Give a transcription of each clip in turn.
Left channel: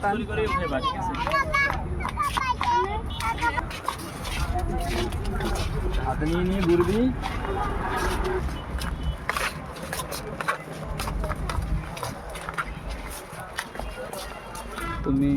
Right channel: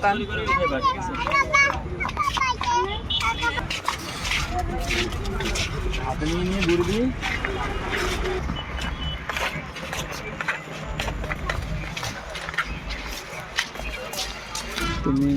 দোকান। হাতে নিয়ে নিয়ে ঘুরে দিবি। তুমি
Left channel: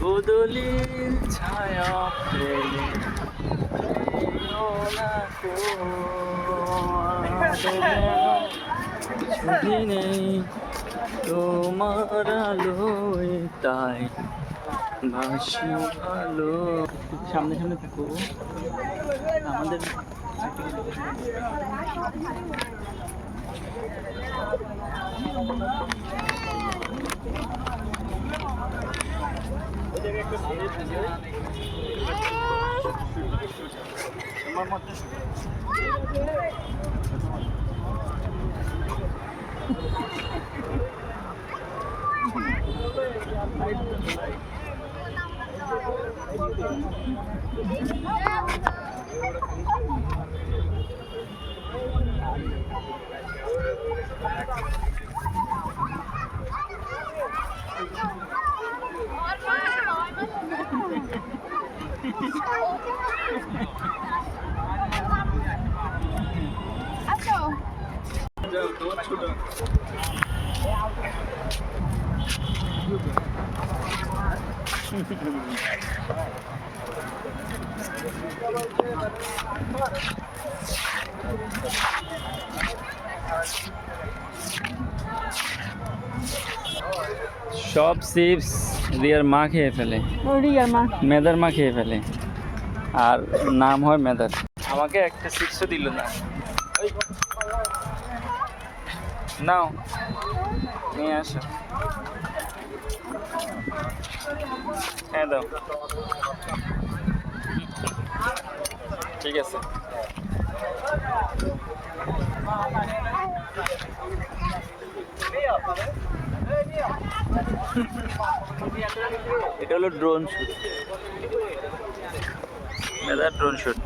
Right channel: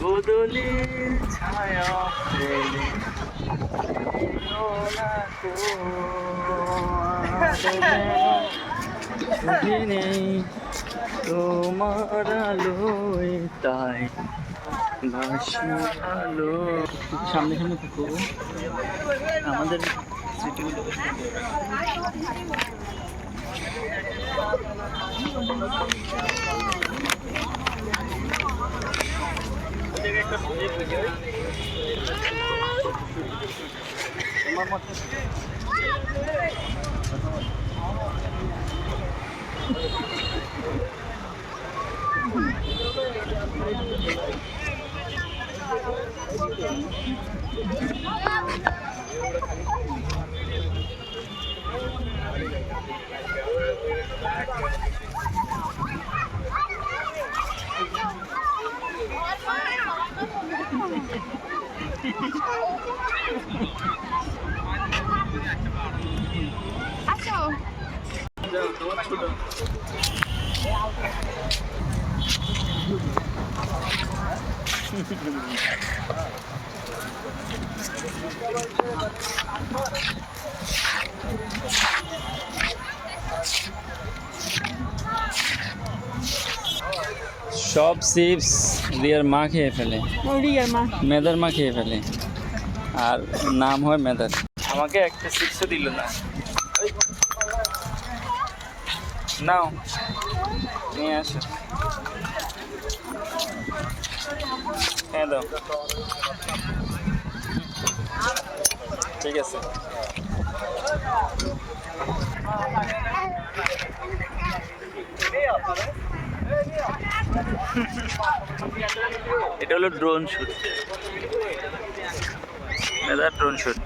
গোদলির ছায়া ফেলে ছবি নেই তোমার আলোয় তাই ভাসি ভালো। সামনে সামনে থাকবো আমাদের আমার মতে সব চিপস রিয়ার মা খেয়ে ফেলে, মেদার মা খেয়ে ফেলে, আর নাম হয় মেদার। আমাকে একটা চিপসও দিল না। নাও নিয়ে আসো। হ্যাঁ দাও, ঠিক আছে। এটা হলো ড্রোন শুট, ড্রোন শুট।